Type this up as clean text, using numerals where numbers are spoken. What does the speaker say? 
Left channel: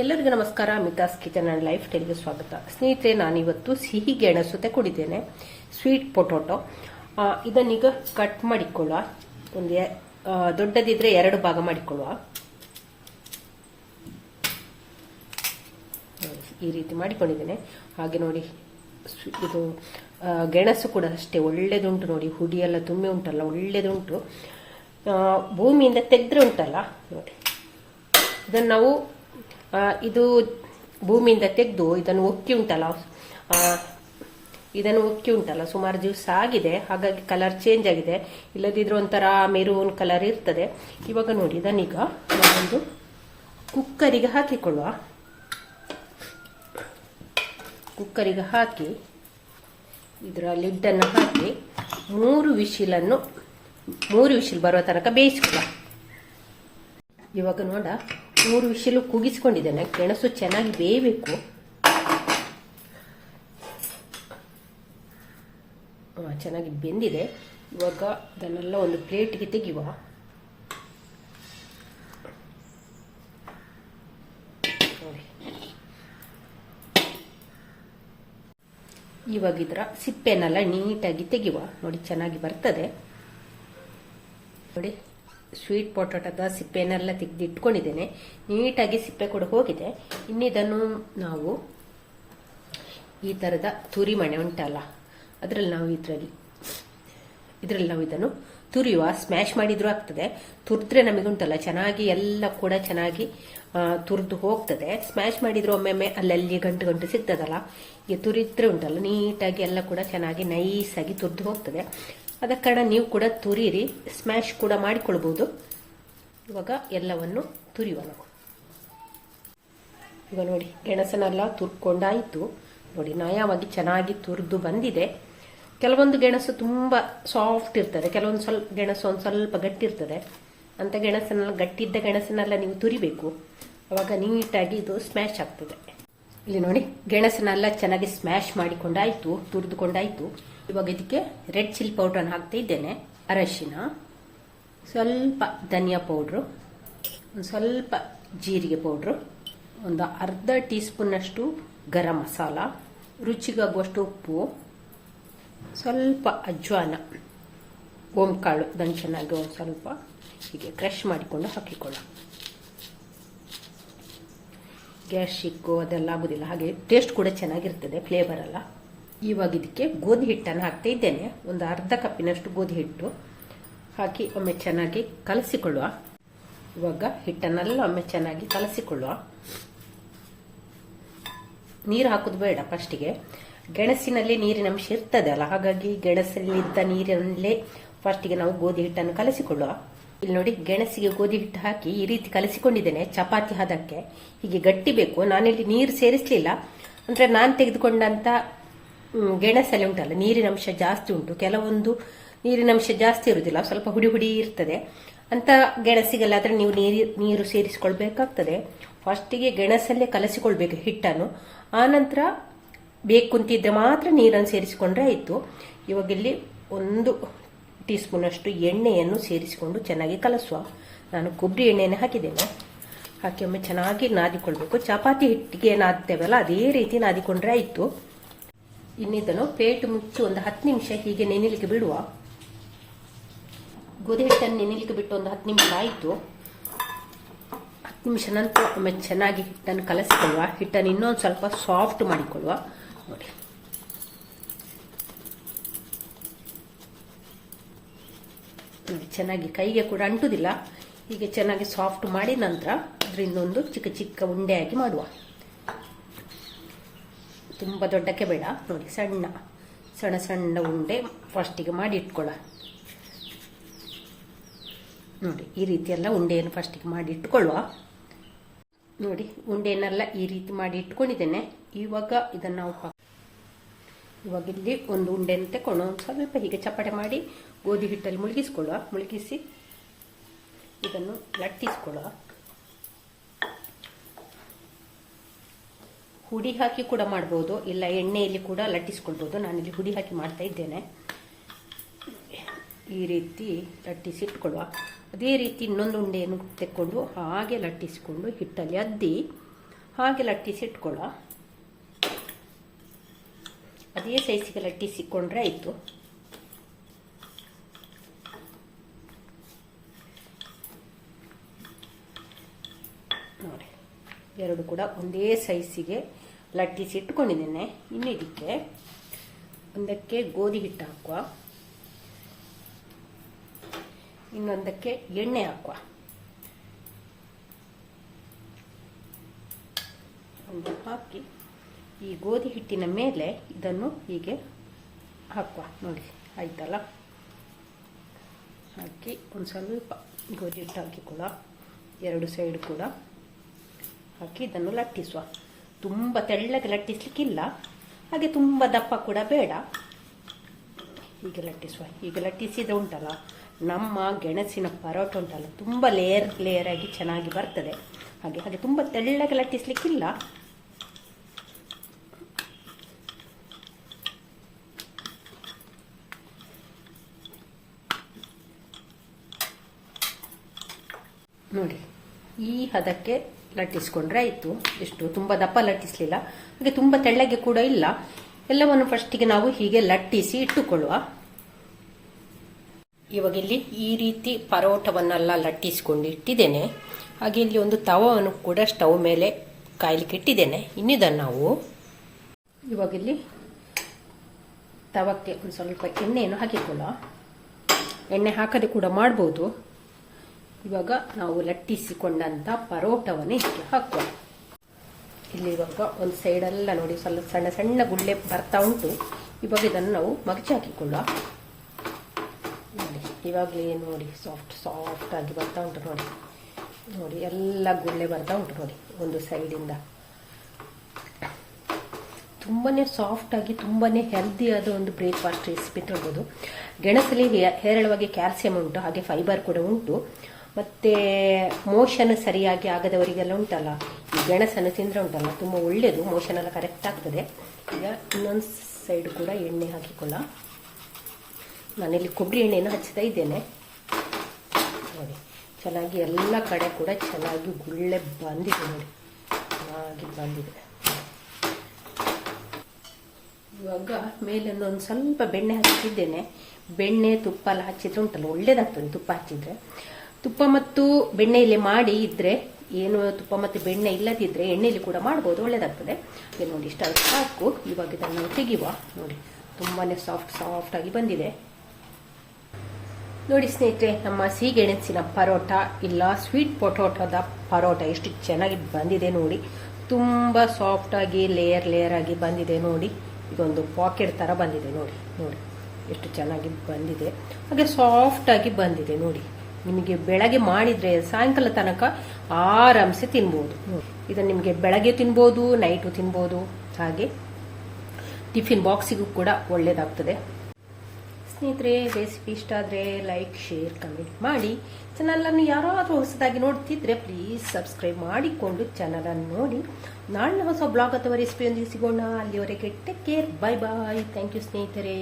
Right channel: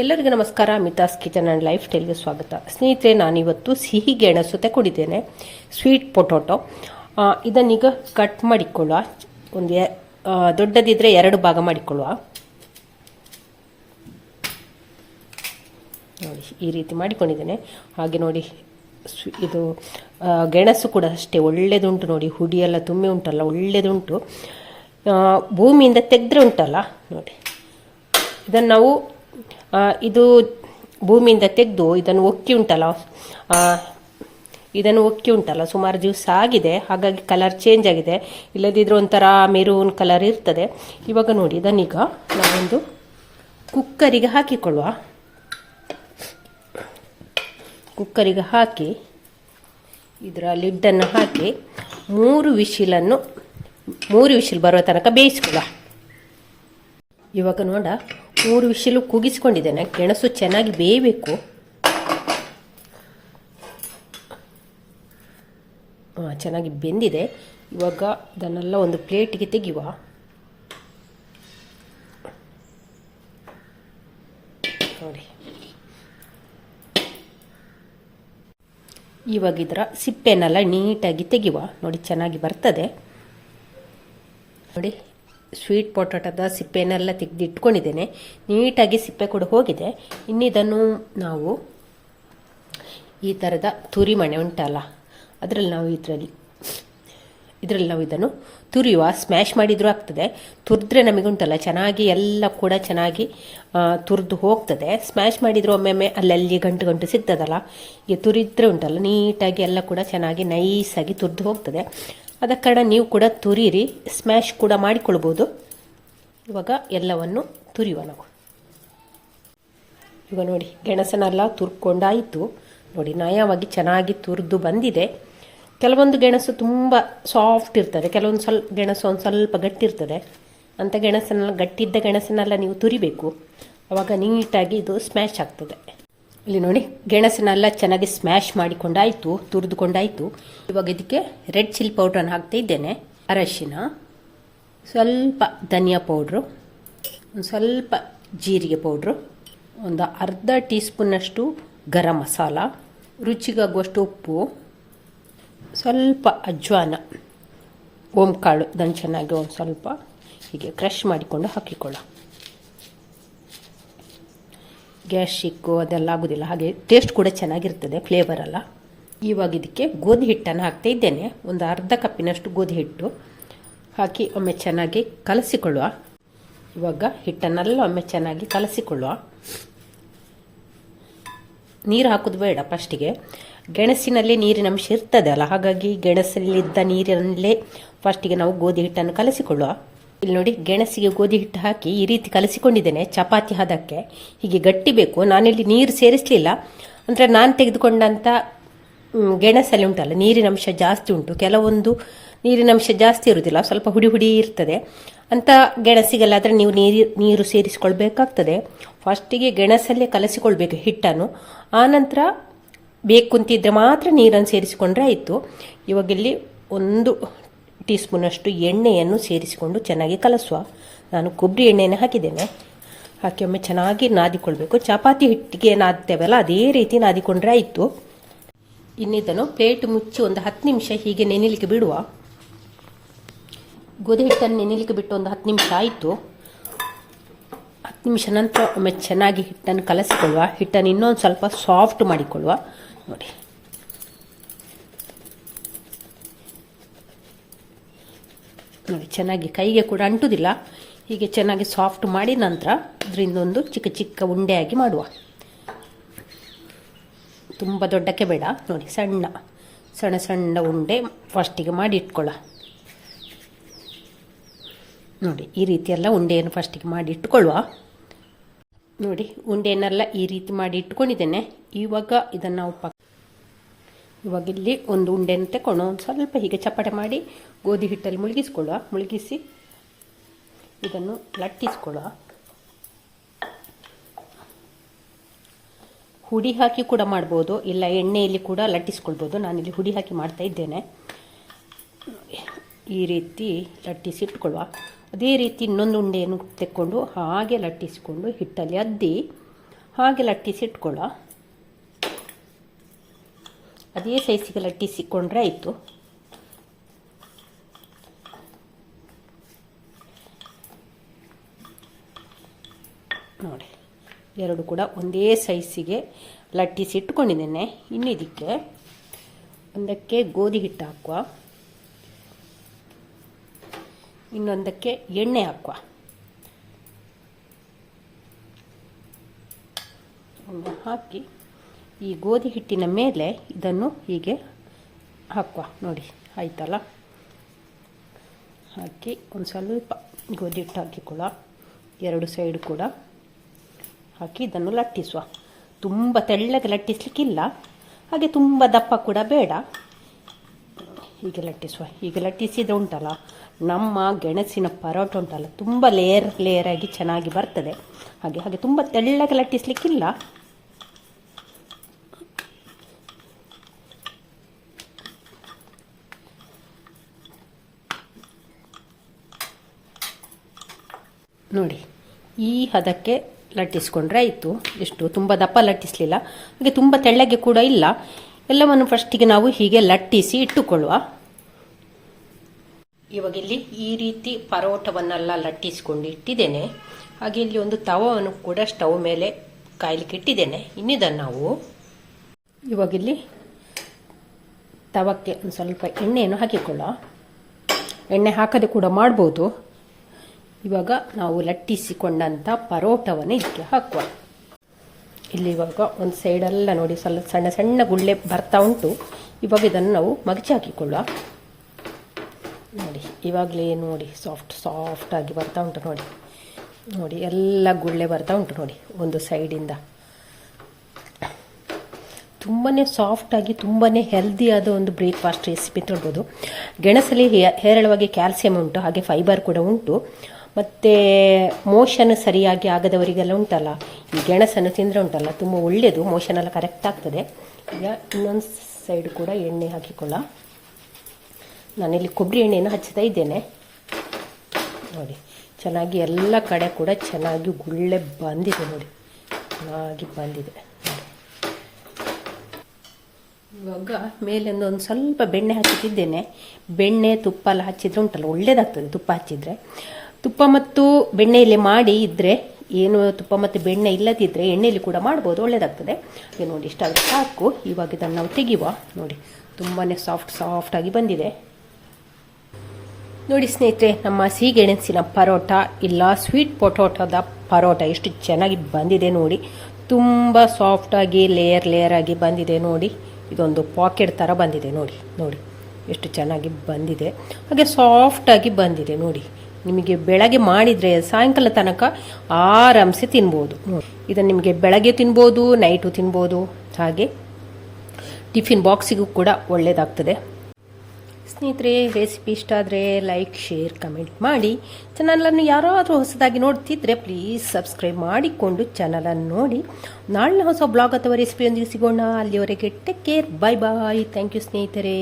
ಎಲ್ಲರಿಗೂ ನಮಸ್ಕಾರ. ಮಿತಾಸ್ kitchen and life ಸ್ಟೈಲ್ಗೆ ಸ್ವಾಗತ. ಸ್ನೇಹಿತರೆ, ನಾನಿವತ್ತು ಸಿಹಿ ಗೆಣಸು ತಗೊಂಡಿದ್ದೇನೆ, ಸ್ವೀಟ್ ಪೊಟೊಟೊ. ಇದನ್ನೀಗ ಕಟ್ ಮಾಡಿಕೊಳ್ಳುವ. ಒಂದು ದೊಡ್ಡದಿದ್ರೆ 2 ಭಾಗ ಮಾಡಿಕೊಳ್ಳುವ. ನೋಡಿ, ಈ ರೀತಿ ಮಾಡಿಕೊಂಡಿದ್ದೇನೆ. ಹಾಗೆ ನೋಡಿ, ಇದು ಗೆಣಸು ಕೂಡ ಅಷ್ಟೇ ಒಳ್ಳೆದುಂಟು. ನೋಡಿ, ಹುಡಿಯೆಲ್ಲ ತುಂಬಿ ಉಂಟಲ್ಲ, ಒಳ್ಳೆದುಂಟು. ಭೂಮಿಯಿಂದ ತೆಗೆದ್ರೆ ಉಂಟಲ್ಲ ನೋಡಿ, ಇದನ್ನು ನಾವು ಇದು ಭೂಮಿಯಿಂದ ತೆಗೆದು ಇದನ್ನು ಒಕ್ಕಿ ಉಂಟಲ್ಲ ಸುಮಾರು ದಿವಸ ಆಗಿದೆ, ಹಾಗಾಗಿ ಕಲರ್ ಚೇಂಜ್ ಆಗಿದೆ. ಇಲ್ಲದಿದ್ರೆ ಒಂಥರ ಮೆರೂನ್ ಕಲರ್ ಇರ್ತದೆ. ಇವಾಗ ನೋಡಿ, ಇದನ್ನೀಗ ನಾವೊಂದು ಕುಕ್ಕರಿಗೆ ಹಾಕಿಕೊಳ್ಳುವ. ಕುಕ್ಕರಿಗೆ ಹಾಕಿ ಇದರ ಲಿಡ್ಡನ್ನು ಹಾಕಿ 3 ವಿಶಿಲ್ ಬರೋ ತನಕ ಬೇಯಿಸ್ಕೊಳ್ಳುವ. ಇವಾಗ ನೋಡ, 3 ವಿಶಿಲು ಕೂಗಿಸ್ಕೊಂಡಿದ್ದೇನೆ. ಗೆಣಸು ಚೆನ್ನಾಗಿ ಬೇಯಬೇಕು. ಚೆನ್ನಾಗಿ ಬೆಂದಿದೆ. ಇವಾಗ ಇದನ್ನೆಲ್ಲ ಒಂದು ಪ್ಲೇಟಿಗೆ ತೆಗೆಯುವ. ನೋಡಿ, ಇವಾಗ ಇದರ ಸಿಪ್ಪೆನೆಲ್ಲ ನೀಟಾಗಿ ತೆಗೆಯುವ. ನೋಡಿ, ಚೆನ್ನಾಗಿ ಬರ್ತದೆ. ನೋಡಿ, ಸ್ವೀಟ್ ಪೊಟೊಟೊದ ಸಿಪ್ಪೆನೆಲ್ಲ ತೆಗೆದು ಇಟ್ಕೊಂಡಿದ್ದೇನೆ. ನೀಟಾಗಿ ಸಿಪ್ಪೆ ಕೂಡ ಹೋಗಿದೆ. ಇನ್ನಿದನ್ನು ನಾವು ಈ ಥರದ ತುರಿಮಣೆ ಉಂಟಲ್ಲ, ಅದರಲ್ಲಿ ನಾವು ಇದನ್ನು ತುರಿಯುವ. ಸ್ಮ್ಯಾಶ್ ಮಾಡಿದರೂ ಆಗ್ತದೆ. ತುರಿದ್ರೆ ನಮಗುಂಟಲ್ಲ ಚೆನ್ನಾಗಿ ಎಲ್ಲ ಕೂಡ ಚೆನ್ನಾಗಿ ತುರಿದು ಹೋಗ್ತದೆ. ಸ್ಮ್ಯಾಶ್ ಮಾಡಿದ್ರು ಒಮ್ಮೊಮ್ಮೆ ಅಲ್ಲಲ್ಲಿ ಗಂಟು ಸಿಗ್ತದಲ್ಲ, ಈಗ ತುರಿದ್ರೆ ಉಂಟಲ್ಲ ನೀಟಾಗಿ ಎಲ್ಲ ಕೂಡ ಚೆನ್ನಾಗಿ ನೈಸಾಗಿ ತುರಿದು ಹೋಗ್ತದೆ. ಅದ ಕಾರಣ ನೀವು ಕೂಡ ತುರಿರಿ, ಸ್ಮ್ಯಾಶ್ ಕೂಡ ಮಾಡಿಕೊಳ್ಬೋದು. ಇವಾಗ ಎಲ್ಲವನ್ನು ತುರಿಯುವ ನಾವು. ಈಗ ನೋಡಿ, ಗೆಣಸನ್ನೆಲ್ಲ ತುರ್ಕೊಂಡಾಯಿತು. ನೋಡಿ, ನಯವಾಗಿ ಚೆನ್ನಾಗಿ ತುರಿದು ಬಂದಿದೆ. ಕೆಲವೊಂದು ಗೆಣಸು ತುಂಬ ಸಾಫ್ಟ್ ಇರ್ತದೆ, ಕೆಲವೊಂದು ಗೆಣಸು ಒಂದು ಸ್ವಲ್ಪ ಗಟ್ಟಿ ಇರ್ತದೆ. ಅಂಥ ಗಟ್ಟಿದ್ದ ಗೆಣಸನ್ನೆಲ್ಲ ನೀವು ತುರಿಬೇಕು. ಅವಾಗ ನೀಟಾಗಿ ಇದು ಸ್ಮ್ಯಾಶ್ ಆಗ್ತದೆ. ಇಲ್ಲಿ ನೋಡಿ, ಗೆಣಸನ್ನೆಲ್ಲ ಚೆನ್ನಾಗಿ ಸ್ಮ್ಯಾಶ್ ಮಾಡಿಕೊಂಡಾಯಿತು, ತುರಿದುಕೊಂಡಾಯಿತು. ಇವಾಗ ಇದಕ್ಕೆ ರೆಡ್ ಚಿಲ್ಲಿ ಪೌಡ್ರನ್ನು ಹಾಕ್ತಾ ಇದ್ದೇನೆ. ಅರಶಿನ, ಸ್ವಲ್ಪ ಧನಿಯಾ ಪೌಡ್ರು, ಒಂದು ಸ್ವಲ್ಪ ಜೀರಿಗೆ ಪೌಡ್ರು, ಒಂದು ಅರ್ಧ ಟೀ ಸ್ಪೂನ್ನಷ್ಟು ಗರಂ ಮಸಾಲ, ರುಚಿಗಾಗುವಷ್ಟು ಉಪ್ಪು, ಸ್ವಲ್ಪ ಅಜ್ವಾನ, ಓಂಕಾಳು ಇದನ್ನು ಚೆನ್ನಾಗಿ ಒಂದು ಸ್ವಲ್ಪ ಹೀಗೆ ಕ್ರಷ್ ಮಾಡಿಕೊಂಡು ಹಾಕಿಕೊಳ್ಳ. ಗ್ಯಾಸ್ಟ್ರಿಕ್ಕು ಅದೆಲ್ಲ ಆಗೋದಿಲ್ಲ, ಹಾಗೆ ಟೇಸ್ಟ್ ಕೂಡ ಚೆನ್ನಾಗಿರ್ತದೆ, ಫ್ಲೇವರ್ ಎಲ್ಲ. ಇವಾಗ ಇದಕ್ಕೆ ಗೋಧಿ ಹಿಟ್ಟನ್ನು ಹಾಕ್ತಾ ಇದ್ದೇನೆ. ಒಂದು ಅರ್ಧ ಕಪ್ಪಿನಷ್ಟು ಗೋಧಿ ಹಿಟ್ಟು ಹಾಕಿ ಒಮ್ಮೆ ಚೆನ್ನಾಗಿ ಕಲಸಿಕೊಳ್ಳುವ. ಇವಾಗ ಹಿಟ್ಟನ್ನೆಲ್ಲ ಒಮ್ಮೆ ಚೆನ್ನಾಗಿ ಕಲಸಿಕೊಳ್ಳುವ. ನೀರು ಹಾಕೋದು ಬೇಡ ಫಸ್ಟಿಗೆ. ಗೆಣಸಿನಲ್ಲೇ ನೀರಿನ ಅಂಶ ಇರ್ತದೆ ಅಲ್ಲ, ಹಾಗಾಗಿ ಗೆಣಸಲ್ಲಿದ್ದ ನೀರಿನಲ್ಲೇ ಫಸ್ಟಿಗೆ ನಾವು ಗೋಧಿ ಹಿಟ್ಟನ್ನು ಕಲಸಿಕೊಳ್ಳುವ. ಇಲ್ಲಿ ನೋಡಿ, ಗೆಣಸಿಗೆ ಗೋಧಿ ಹಿಟ್ಟು ಹಾಕಿ ಈ ರೀತಿ ಕಲಸಿಕೊಂಡಿದ್ದೇನೆ. ಚಪಾತಿ ಹದಕ್ಕೆ ಹೀಗೆ ಗಟ್ಟಿ ಬೇಕು. ನಾನಿಲ್ಲಿ ನೀರು ಸೇರಿಸಲಿಲ್ಲ, ಅಂದರೆ ನಾನು ತೆಗೆದುಕೊಂಡಂಥ ಗೆಣಸಲ್ಲಿ ಉಂಟಲ್ಲ ನೀರಿನ ಅಂಶ ಜಾಸ್ತಿ ಉಂಟು. ಕೆಲವೊಂದು ನೀರಿನ ಅಂಶ ಜಾಸ್ತಿ ಇರುವುದಿಲ್ಲ, ಸ್ವಲ್ಪ ಹುಡಿ ಇರ್ತದೆ. ಅಂಥ ಗೆಣಸಿಗೆಲ್ಲಾದರೆ ನೀವು ನೀರು ಸೇರಿಸ್ಕೊಳ್ಬೇಕಾಗ್ತದೆ. ಫಸ್ಟಿಗೆ ಗೆಣಸಲ್ಲೇ ಕಲಸಿಕೊಳ್ಬೇಕು ಹಿಟ್ಟನ್ನು. ಆನಂತರ ಬೇಕು ಅಂತಿದ್ರೆ ಮಾತ್ರ ನೀರನ್ನು ಸೇರಿಸಿಕೊಂಡ್ರೆ ಆಯಿತು. ಇವಾಗ ಇಲ್ಲಿ 1 ಟೀ ಸ್ಪೂನಷ್ಟು ಎಣ್ಣೆಯನ್ನು ಸೇರಿಸಿಕೊಂಡು ಚೆನ್ನಾಗಿ ಕಲಸುವ. ನಾನು ಕೊಬ್ಬರಿ ಎಣ್ಣೆಯನ್ನು ಹಾಕಿದ್ದೇನೆ. ಹಾಕಿ ಒಮ್ಮೆ ಚೆನ್ನಾಗಿ ನಾದಿಕೊಳ್ಬೇಕು. ಚಪಾತಿ ಹಿಟ್ಟಿಗೆ ನಾದ್ತೇವಲ್ಲ ಅದೇ ರೀತಿ ನಾದಿಕೊಂಡ್ರೆ ಆಯಿತು. ಇನ್ನಿದನ್ನು ಪ್ಲೇಟ್ ಮುಚ್ಚಿ ಒಂದು 10 ನಿಮಿಷ ಹೀಗೆ ನೆನೆಲಿಕ್ಕೆ ಬಿಡುವ. ಗೋಧಿ ಹಿಟ್ಟನ್ನು ನೆನೆಲಿಕ್ಕೆ ಬಿಟ್ಟು ಒಂದು 10 ನಿಮಿಷ ಆಯಿತು. 10 ನಿಮಿಷ ನಂತರ ಒಮ್ಮೆ ಚೆನ್ನಾಗಿ ಹಿಟ್ಟನ್ನು ಕಲಸಿಕೊಳ್ಳುವ. ಹಿಟ್ಟನ್ನು ಇನ್ನೊಂದು ಸ್ವಲ್ಪ ಸಾಫ್ಟ್ ಮಾಡಿಕೊಳ್ಳುವ. ನೋಡಿ, ಚೆನ್ನಾಗಿ ಕೈಗೆ ಕೂಡ ಅಂಟುವುದಿಲ್ಲ. ಹೀಗೆ ಚೆನ್ನಾಗಿ ಸಾಫ್ಟ್ ಮಾಡಿ ನಂತರ ಅದರಿಂದ ಒಂದು ಚಿಕ್ಕ ಉಂಡೆಯಾಗಿ ಮಾಡುವ. ತುಂಬ ದೊಡ್ಡಕ್ಕೆ ಬೇಡ. ನೋಡಿ, ಸಣ್ಣ ಉಂಡೆ ಫಸ್ಟಿಗೆ ಮಾಡಿ ಇಟ್ಕೊಳ್ಳ. ನೋಡಿ, ಈ ರೀತಿಯೆಲ್ಲ ಉಂಡೆಯನ್ನು ಫಸ್ಟಿಗೆ ಮಾಡಿ ಇಟ್ಕೊಳ್ಳುವ. ನೋಡಿ, ಉಂಡೆಯನ್ನೆಲ್ಲ ಈ ರೀತಿ ಮಾಡಿ ಇಟ್ಕೊಂಡಿದ್ದೇನೆ. ಇವಾಗ ಇದನ್ನು ನಾವು ಇವಾಗ ಇಲ್ಲಿ ಒಂದು ಉಂಡೆಯನ್ನು ತಗೊಂಡು ಒಂದು ಸ್ವಲ್ಪ ಹೀಗೆ ಚಪ್ಪಟೆ ಮಾಡಿ ಗೋಧಿ ಹಿಟ್ಟಲ್ಲಿ ಮುಳುಗಿಸಿ ಇದನ್ನು ಲಟ್ಟಿಸ್ಕೊಳ್ಳುವ. ಹುಡಿ ಹಾಕಿ ಕೂಡ ಮಾಡ್ಬೋದು, ಇಲ್ಲ ಎಣ್ಣೆಯಲ್ಲಿ ಕೂಡ ಲಟ್ಟಿಸ್ಕೊಳ್ಬೋದು. ನಾನಿಲ್ಲಿ ಹುಡಿ ಹಾಕಿ ಮಾಡ್ತಾ ಇದ್ದೇನೆ. ಈ ರೀತಿ ಲಟ್ಟಿಸಿಟ್ಕೊಳ್ಳುವ. ಅದೇ ರೀತಿ ಇನ್ನೊಂದು ಉಂಡೆಯನ್ನು ತೆಕ್ಕೊಂಡು ಹಾಗೆ ಲಟ್ಟಿಸಿಕೊಂಡು ಹಿಟ್ಟಲ್ಲಿ ಅದ್ದಿ ಹಾಗೆ ಲಟ್ಟಿಸಿ ಇಟ್ಕೊಳ್ಳೋ. ಅದೇ ಸೈಜಿಗೆ ಲಟ್ಟಿಸಿಕೊಂಡ್ರೆ ಆಯಿತು. ನೋಡಿ, ಎರಡು ಕೂಡ ಒಂದೇ ಸೈಜಿಗೆ ಲಟ್ಟಿಸಿ ಇಟ್ಕೊಂಡಿದ್ದೇನೆ. ಇನ್ನು ಇದಕ್ಕೆ ಒಂದಕ್ಕೆ ಗೋಧಿ ಹಿಟ್ಟು ಹಾಕುವ, ಇನ್ನೊಂದಕ್ಕೆ ಎಣ್ಣೆ ಹಾಕುವ. ಒಂದು ಹಾಕಿ ಈ ಗೋಧಿ ಹಿಟ್ಟಿನ ಮೇಲೆ ಇದನ್ನು ಹೀಗೆ ಹಾಕುವ. ನೋಡಿ ಆಯ್ತಲ್ಲ, ಹಾಕಿ ಒಂದು ಸ್ವಲ್ಪ ಗೋಧಿ ಹಿಟ್ಟು ಹಾಕಿಕೊಳ್ಳುವ. ಎರಡು ಸೈಡ್ ಕೂಡ ಹಾಕಿ ಇದನ್ನು ಲಟ್ಟಿಸುವ. ತುಂಬ ತೆಳ್ಳಗೆ ಲಟ್ಟಿಸ್ಲಿಕ್ಕಿಲ್ಲ, ಹಾಗೆ ತುಂಬ ದಪ್ಪ ಕೂಡ ಬೇಡ. ಹೀಗೆ ಲಟ್ಟಿಸುವ. ಹೀಗೆ ಲಟ್ಟಿಸಿದರೆ ಉಂಟಲ್ಲ, ನಮ್ಮ ಗೆಣಸಿನ ಪರೋಟ ಉಂಟಲ್ಲ, ತುಂಬ ಲೇಯರ್ ಆಗಿ ಚೆನ್ನಾಗಿ ಬರ್ತದೆ. ಹಾಗೆ ತುಂಬ ತೆಳ್ಳಗೆ ಲಟ್ಟಿಸ್ಲಿಕ್ಕಿಲ್ಲ. ನೋಡಿ, ಈ ಹದಕ್ಕೆ ಲಟ್ಟಿಸ್ಕೊಂಡ್ರೆ ಆಯಿತು. ಎಷ್ಟು ತುಂಬ ದಪ್ಪ ಲಟ್ಟಿಸಲಿಲ್ಲ, ಹಾಗೆ ತುಂಬ ತೆಳ್ಳಗೆ ಕೂಡ ಇಲ್ಲ. ಎಲ್ಲವನ್ನು ಫಸ್ಟಿಗೆ ನಾವು ಹೀಗೆ ಲಟ್ಟಿಸಿ ಇಟ್ಟುಕೊಳ್ಳುವ. ಇವಾಗ ಇಲ್ಲಿ ಈ ರೀತಿ ಪರೋಟವನ್ನೆಲ್ಲ ಲಟ್ಟಿಸಿಕೊಂಡು ಇಟ್ಟಿದ್ದೇನೆ. ಹಾಗೆ ಇಲ್ಲಿ ಒಂದು ತವವನ್ನು ಕೂಡ ಸ್ಟವ್ ಮೇಲೆ ಕಾಯ್ಲಿಕ್ಕೆ ಇಟ್ಟಿದ್ದೇನೆ. ಇನ್ನಿದನ್ನು ನಾವು ಇವಾಗ ಇಲ್ಲಿ ತವಕ್ಕೆ ಒಂದು ಸ್ವಲ್ಪ ಎಣ್ಣೆಯನ್ನು ಹಾಕಿಕೊಳ್ಳುವ. ಎಣ್ಣೆ ಹಾಕದೆ ಕೂಡ ಮಾಡ್ಬೋದು. ಇವಾಗ ನಾವು ಲಟ್ಟಿಸಿಕೊಂಡಂಥ ಪರೋಟವನ್ನು ಇದಕ್ಕೆ ಹಾಕುವ. ಇಲ್ಲಿ ಇವಾಗ ಒಂದು ಸೈಡೆಲ್ಲ ನೋಡಿ ಸ್ವಲ್ಪ ಸಣ್ಣ ಸಣ್ಣ ಗುಳ್ಳೆ ಬರ್ತಾ ಉಂಟು. ಇವಾಗ ಇದನ್ನು ನಾವು ಮಗಚಿ ಹಾಕಿಕೊಳ್ಳುವ. ನೋಡಿ, ಇವಾಗಲೇ ನೋಡಿ ಸಾಫ್ಟ್ ಆಗಿ ಬರ್ತಾ ಉಂಟು. ನೋಡಿ ನೋಡಿ, ಎಲ್ಲ ಗುಳ್ಳೆ ಬರ್ತಾ ಉಂಟು. ನೋಡಿ, ಒಂದು ಸೈಡಿಂದ ತುಂಬಾ ಸಾಫ್ಟಾಗಿ ತುಂಬಾ ಹೆಲ್ದಿಯಾದ ಒಂದು ಬ್ರೇಕ್ಫಾಸ್ಟ್ ರೆಸಿಪಿ ತಿಳ್ಬೋದು. ಗೆಣಸಲ್ಲಿ ಹೇರಳವಾಗಿ ಕ್ಯಾಲ್ಸಿಯಂ ಉಂಟು, ಹಾಗೆ ಫೈಬರ್ ಕೂಡ ಉಂಟು. ಮತ್ತು ಮೋಷನ್ ಸರಿಯಾಗಿ ಆಗದವರಿಗೆಲ್ಲ ಉಂಟಲ್ಲ, ಈ ಗೆಣಸನ್ನು ತಿಂದರೆ ಉಂಟಲ್ಲ ತುಂಬ ಒಳ್ಳೆಯದು, ಮೋಷನ್ ಎಲ್ಲ ಕರೆಕ್ಟ್ ಆಗ್ತದೆ. ಈಗ ಇನ್ನೊಂದು ಸೈಡ್ ಕೂಡ ಎಣ್ಣೆ ಹಾಕಿಕೊಳ್ಳ. ನಾನಿಲ್ಲಿ ಕೊಬ್ಬರಿ ಎಣ್ಣೆಯನ್ನು ಹಚ್ಚುತ್ತಾ ಇದ್ದೇನೆ. ನೋಡಿ, ಚೆನ್ನಾಗಿ ಎಲ್ಲ ಕಡೆ ಕೂಡ ಚೆನ್ನಾಗಿ ಗುಳ್ಳೆ ಬಂದಿದೆ. ನೋಡಿ, ಚೆನ್ನಾಗಿ ಬಂದಿದೆ. ಇವಾಗ ಮೇಲೆ ಒಂದು ಸ್ವಲ್ಪ ಬೆಣ್ಣೆ ಹಚ್ಚಿದ್ದೇನೆ. ಬೆಣ್ಣೆ ತುಪ್ಪ ಎಲ್ಲ ಹಚ್ಚಿದ್ರೆ ಉಂಟಲ್ಲ ಒಳ್ಳೇದಾಗ್ತದೆ. ತುಪ್ಪ ಹಚ್ಚಿದ್ರೆ, ತುಪ್ಪ ಮತ್ತು ಬೆಣ್ಣೆಯಲ್ಲಿ ಮಾಡಿ ಇದ್ದರೆ ಏನು, ತುಪ್ಪ ಮತ್ತು ಬೆಣ್ಣೆ ಇಲ್ಲದಿದ್ದರೆ ಎಣ್ಣೆಯಲ್ಲಿ ಕೂಡ ಮಾಡ್ಬೋದು, ಒಳ್ಳೇದಾಗ್ತದೆ. ನೋಡಿ, ಇಷ್ಟಾದರೆ ಸಾಕು. ಇವಾಗ ಇದನ್ನು ನಾವು ತೆಗೆಯುವ. ನೋಡಿ, ತುಂಬಾ ಸಾಫ್ಟಾಗಿ ಬಂದಿದೆ. ನೋಡಿ ಸ್ನೇಹಿತರೆ, ನಮ್ಮ ಸಿಹಿಗೆಣಸಿನ ಪರೋಟ ಇಲ್ಲ ಸ್ವೀಟ್ ಪೊಟೊಟೊದ ಪರೋಟ ಎಷ್ಟು ಚೆನ್ನಾಗಿ ಬಂದಿದೆ ನೋಡಿ. ತುಂಬ ಸಾಫ್ಟಾಗಿ ಲೇಯರ್ ಆಗಿ ಬಂದಿದೆ ನೋಡಿ. ಇದೊಂದು ಪಾಕೆಟ್ ಥರ ಬಂದಿದೆ. ನೋಡಿ ನೋಡಿ ಎಷ್ಟು ಚೆನ್ನಾಗಿ ಬಂದಿದೆ, ಹಾಗೆ ಸಾಫ್ಟಾಗಿ ಬಂದಿದೆ. ನೋಡಿ, ನಿಮಗೆ ಬೆಳಗ್ಗೆ ಮಾಡಿದರೆ ಸಾಯಂಕಾಲ ತನಕ ಆರಾಮ್ಸೆ ತಿನ್ಬೋದು. ಇದನ್ನು ನಿಮಗೆ ಬೆಳಗ್ಗೆ ತಿನ್ಬೋದು, ನೈಟು ತಿನ್ಬೋದು, ಹಾಗೆ ಟಿಫಿನ್ ಬಾಕ್ಸಿಗೂ ಕೂಡ ಒಳ್ಳೆಯದಾಗ್ತದೆ. ಸ್ನೇಹಿತರೆ, ರೆಸಿಪಿ ಇಷ್ಟ ಆದರೆ ಲೈಕ್, ಶೇರ್, ಕಮೆಂಟ್ ಮಾಡಿ. ಚಾನಲನ್ನು ಯಾರಾದರೂ ಹೊಸದಾಗಿ ನೋಡ್ತಿದ್ರೆ ಪ್ಲೀಸ್ ಸಬ್ಸ್ಕ್ರೈಬ್ ಮಾಡಿಕೊಂಡು ಚಾನಲನ್ನು ನೋಡಿ. ನಾಳಿನ ಹೊಸ ಬ್ಲಾಗ್ ಅಥವಾ ರೆಸಿಪಿಯೊಂದಿಗೆ ಸಿಗೋಣ. ಅಲ್ಲಿವರೆಗೆ take care, bye bye. Thank you ಸ್ನೇಹಿತರೆ.